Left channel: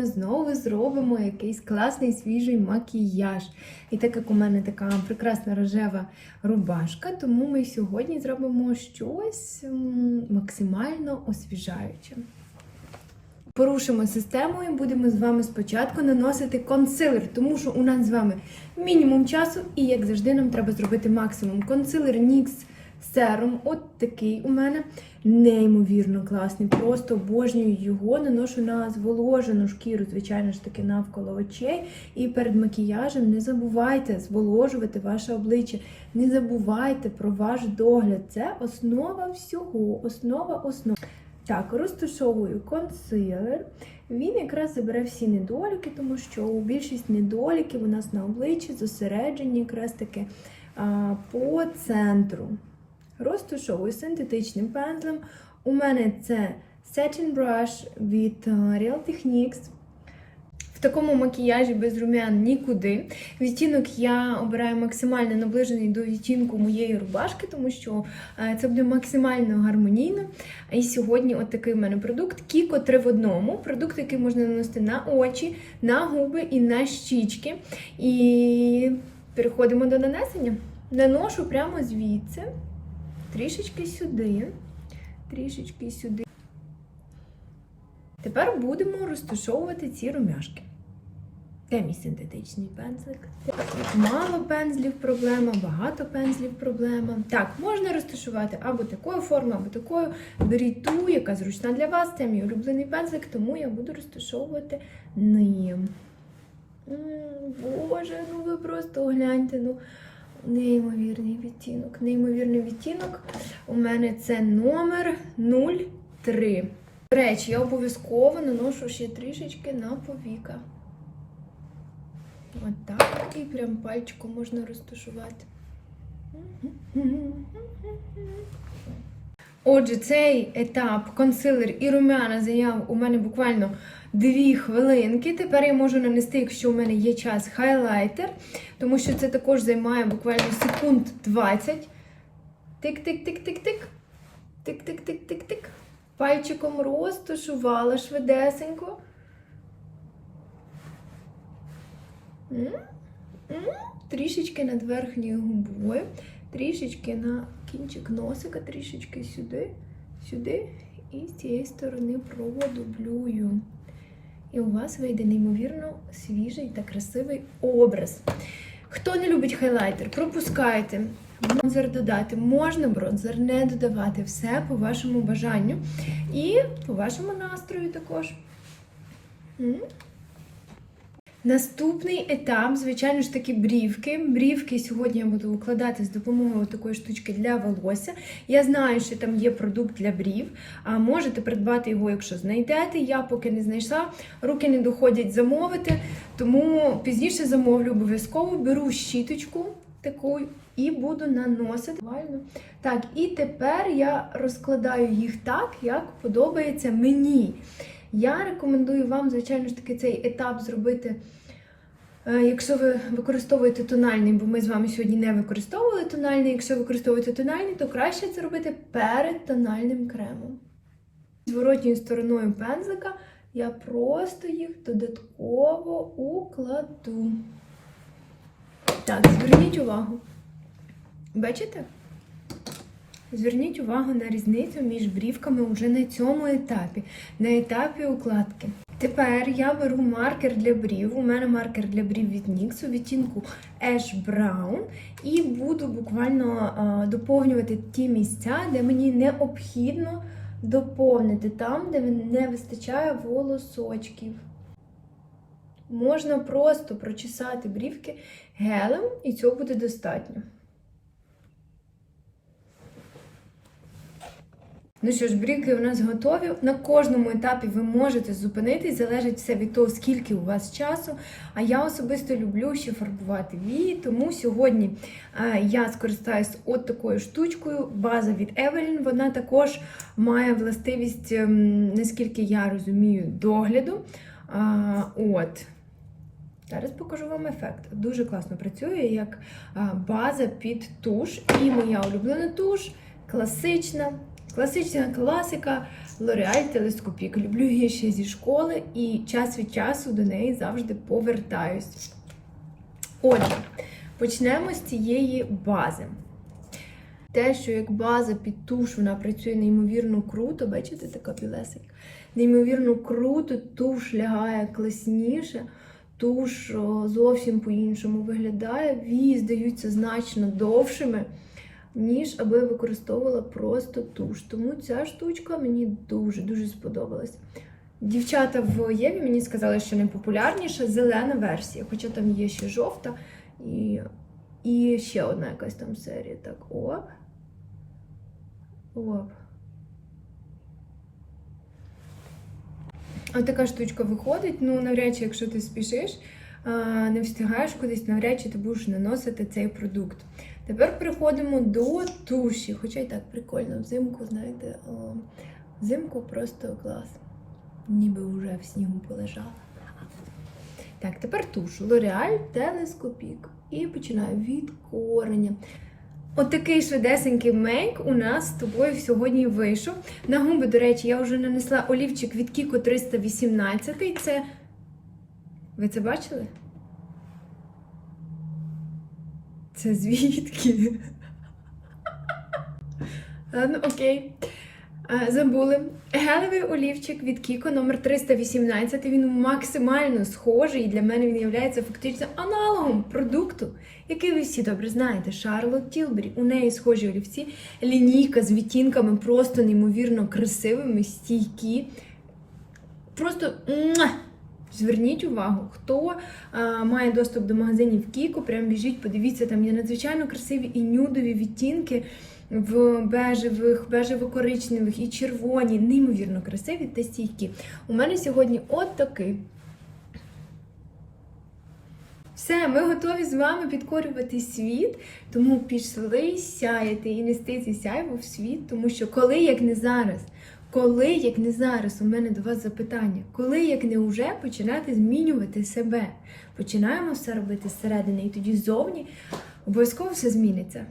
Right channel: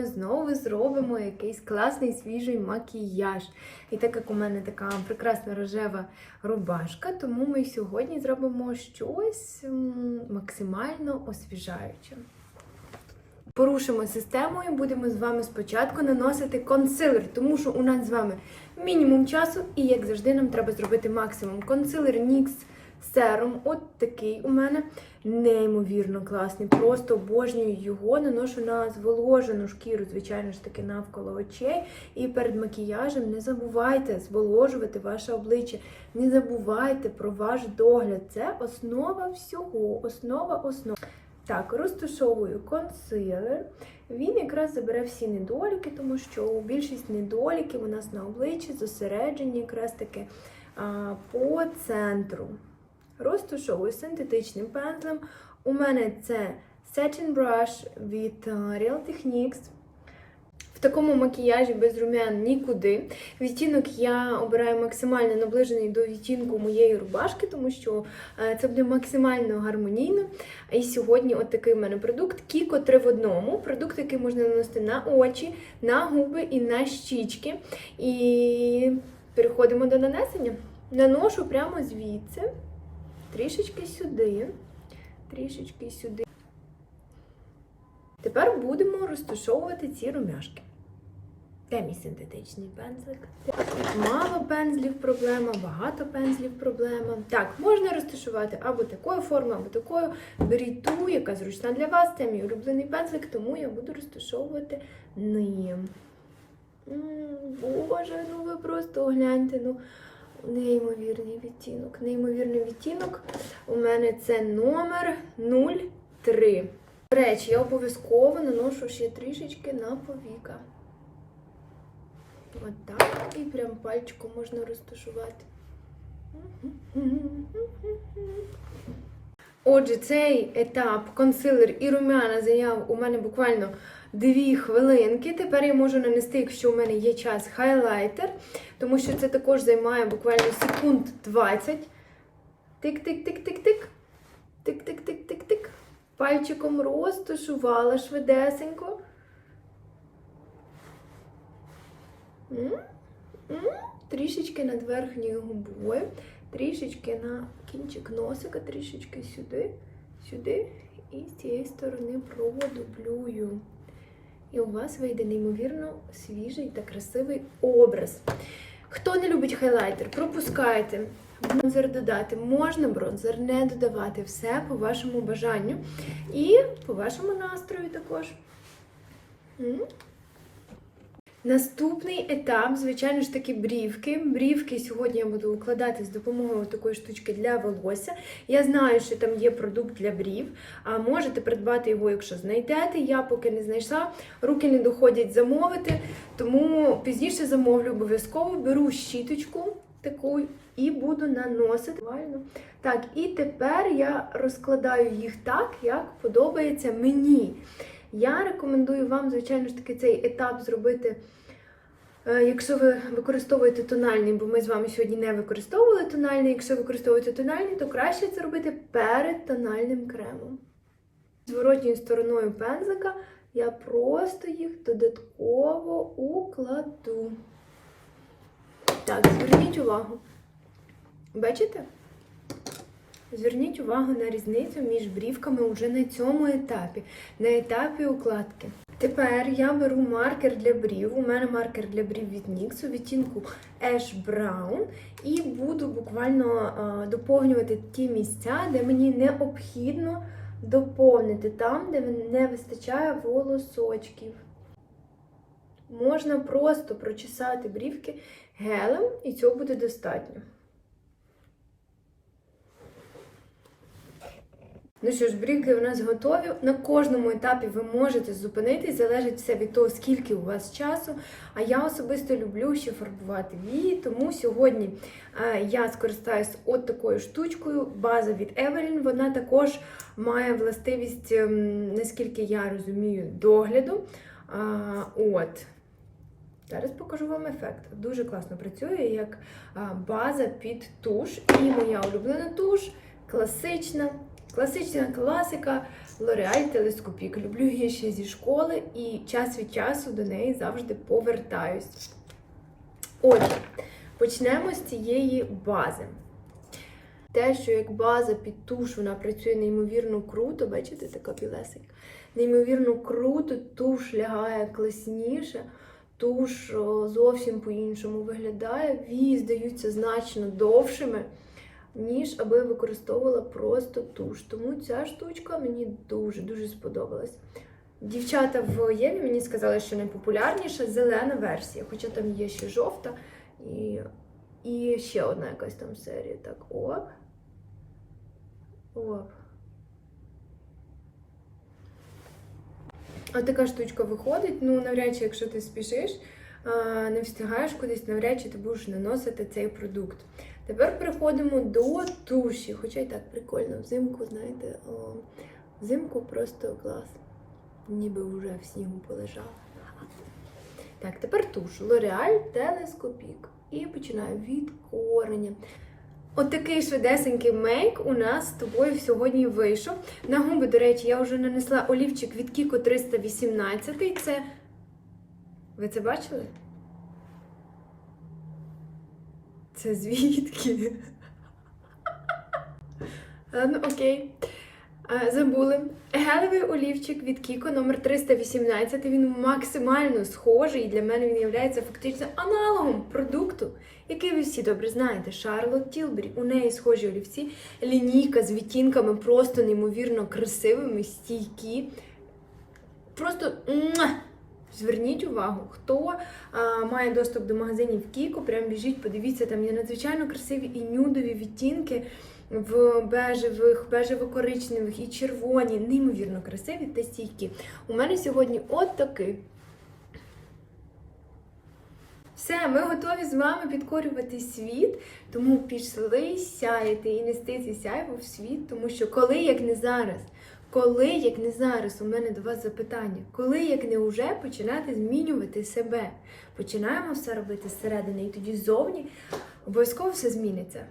вами знову зробимо якийсь класний свіжий макіяж. І так як у мене така прекрасна рожева рубашка, тому ми сьогодні зробимо щось максимально освіжаюче. Порушимо систему і будемо з вами спочатку наносити консилер, тому що у нас з вами мінімум часу, і як завжди, нам треба зробити максимум. Консилер NYX Serum, от такий у мене неймовірно класний. Просто обожнюю його, наношу на зволожену шкіру, звичайно ж таки, навколо очей. І перед макіяжем не забувайте зволожувати ваше обличчя. Не забувайте про ваш догляд. Це основа всього, основа основ. Так, розташовую консилер. Він якраз забере всі недоліки, тому що більшість недоліків у нас на обличчі зосереджені якраз таки по центру. Розташовую синтетичним пензлем. У мене це Satin Brush від Real Techniques. В такому макіяжі без румян нікуди. Відтінок я обираю максимально наближений до відтінку моєї рубашки, тому що е, це буде максимально гармонійно. І сьогодні от такий в мене продукт Кіко 3 в одному. Продукт, який можна наносити на очі, на губи і на щічки. І переходимо до нанесення. Наношу прямо звідси, трішечки сюди, трішечки сюди. Тепер будемо розташовувати ці румяшки. Де мій синтетичний пензлик? Мало пензлів проблема, багато пензлів проблема. Так, можна розташувати або такою формою, або такою. Беріть ту, яка зручна для вас. Це мій улюблений пензлик, тому я буду розташовувати ним. М, Боже, ну ви просто гляньте. ну Неймовірний відтінок. Неймовірний відтінок. У мене це номер 03. До речі, я обов'язково наношу ще трішечки на повіка. От так. І прям пальчиком можна розташувати. Отже, цей етап консилер і румяна зайняв у мене буквально 2 хвилинки. Тепер я можу нанести, якщо у мене є час, хайлайтер, тому що це також займає буквально секунд 20. Тик-тик-тик-тик-тик. Тик-тик-тик-тик-тик. Пальчиком розташувала швидесенько. Трішечки над верхньою губою, трішечки на кінчик носика, трішечки сюди, сюди і з цієї сторони продублюю. І у вас вийде неймовірно свіжий та красивий образ. Хто не любить хайлайтер, пропускайте. Бронзер додати. Можна бронзер не додавати. Все по вашому бажанню. І по вашому настрою також. Наступний етап, звичайно ж таки, брівки. Брівки сьогодні я буду укладати з допомогою такої штучки для волосся. Я знаю, що там є продукт для брів. А можете придбати його, якщо знайдете. Я поки не знайшла, руки не доходять замовити, тому пізніше замовлю обов'язково. Беру щіточку таку і буду наносити. Так, і тепер я розкладаю їх так, як подобається мені. Я рекомендую вам, звичайно ж таки, цей етап зробити, е, якщо ви використовуєте тональний, бо ми з вами сьогодні не використовували тональний. Якщо використовуєте тональний, то краще це робити перед тональним кремом. Зворотньою стороною пензлика я просто їх додатково укладу. Так, зверніть увагу. Бачите? Зверніть увагу на різницю між брівками вже на цьому етапі, на етапі укладки. Тепер я беру маркер для брів. У мене маркер для брів від NYX у відтінку Ash Brown. І буду буквально а, доповнювати ті місця, де мені необхідно доповнити, там, де не вистачає волосочків. Можна просто прочесати брівки гелем, і цього буде достатньо. Ну що ж, бріки у нас готові. На кожному етапі ви можете зупинитись, залежить все від того, скільки у вас часу. А я особисто люблю ще фарбувати вії, тому сьогодні е, я скористаюсь от такою штучкою. База від Evelyn. Вона також має властивість, ем, наскільки я розумію, догляду. От. Зараз покажу вам ефект. Дуже класно працює як а, база під туш. І моя улюблена туш класична Класична класика L'Oreal Телескопік. Люблю її ще зі школи і час від часу до неї завжди повертаюсь. Отже, почнемо з цієї бази. Те, що як база під туш, вона працює неймовірно круто, бачите, така білесенька. Неймовірно круто, туш лягає класніше, туш зовсім по-іншому виглядає. Вії здаються значно довшими, ніж аби я використовувала просто туш. Тому ця штучка мені дуже-дуже сподобалась. Дівчата в Єві мені сказали, що найпопулярніша зелена версія, хоча там є ще жовта і, і ще одна якась там серія. Так, оп. Оп. А така штучка виходить, ну навряд чи, якщо ти спішиш, не встигаєш кудись, навряд чи ти будеш наносити цей продукт. Тепер переходимо до туші. Хоча й так прикольно, взимку, знаєте, о, взимку просто клас. Ніби вже в снігу полежала. Так, тепер туш. L'Oreal Телескопік. І починаю від кореня. Отакий швидесенький мейк у нас з тобою сьогодні вийшов. На губи, до речі, я вже нанесла олівчик від Kiko 318. Це. Ви це бачили? Це звідки? Ладно, окей. Забули. Гелевий олівчик від Kiko номер 318. Він максимально схожий і для мене він є фактично аналогом продукту, який ви всі добре знаєте. Шарлот Тілбері. У неї схожі олівці. Лінійка з відтінками просто неймовірно красивими, стійкі. Просто! Зверніть увагу, хто а, має доступ до магазинів Kiko, прям біжіть, подивіться, там є надзвичайно красиві і нюдові відтінки в бежевих, бежево-коричневих і червоні, неймовірно красиві та стійкі. У мене сьогодні от такий. Все, ми готові з вами підкорювати світ, тому пішли сяяти і нести ці сяйво в світ, тому що коли, як не зараз, коли, як не зараз, у мене до вас запитання, коли, як не уже починати змінювати себе. Починаємо все робити зсередини, і тоді ззовні обов'язково все зміниться.